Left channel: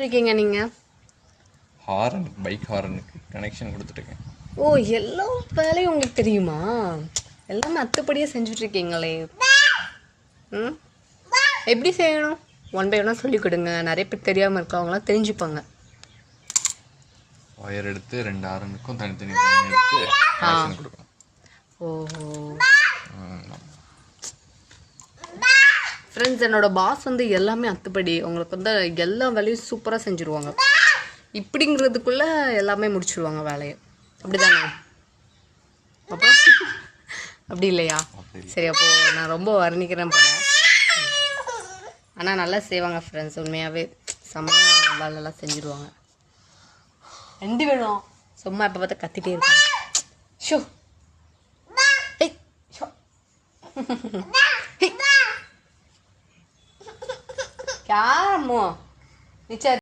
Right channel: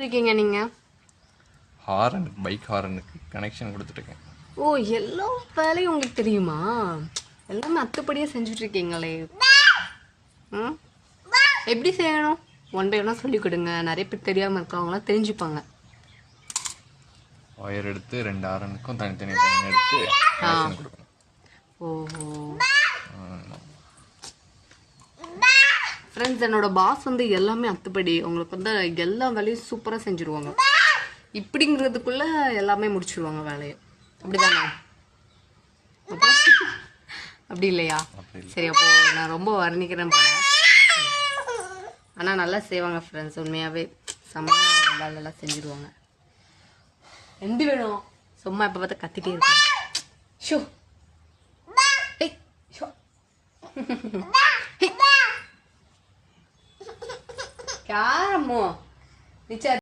இருக்கீங்க நீங்கள்? ஹாரனுக்கு, bike ஹாரனுக்கு connection கொடுத்துட்ருக்கேன். ஓ, எல்லா வேலையும் உங்களுக்கு தெரியுமா? எல்லாமே அத்துப்படியாக செஞ்சுட்ருக்கீங்களே. ம், எப்படி செய்யணும்? ஒன் பை ஒன்னாக சொல்லிக் கொடுங்க. நிறைய பேர் தெரியாமல் இருக்கவங்களாம் தெரிஞ்சுப்பாங்க. ஒயர் எடுத்து 2 ஹாரனுக்கும் தனித்தனி லைன் எடுத்து கனெக்ஷன் கொடுக்கணும். ஓஹோ. ஃப்ரெண்ட்ஸ், என்னோட பாஸ் வந்து எல்லாமே அத்துப்படி உங்களுக்கு வந்து எல்லா வேலையும் சூப்பராக செஞ்சுருவாங்க. இப்படிங்கிறதுக்குள்ள எல்லாமே முடிச்சிருவாங்க வேலையை. அப்படிதானே? அப்போ அப்படி இல்லையா? சரி, அப்போ நான் ரொம்ப வர்ணிக்கிறேன் போல. ஆனால் நல்லா செய்வாங்க ஃப்ரெண்ட்ஸ். உண்மையாகவே செம்மையாக வேலையெல்லாம் செஞ்சுருவாங்க. எந்த வேணும் சும்மா இப்போ பார்த்தா கத்திட்டே இருக்காங்க. ஷோ ஏய் ஷோ क्या मो नीचे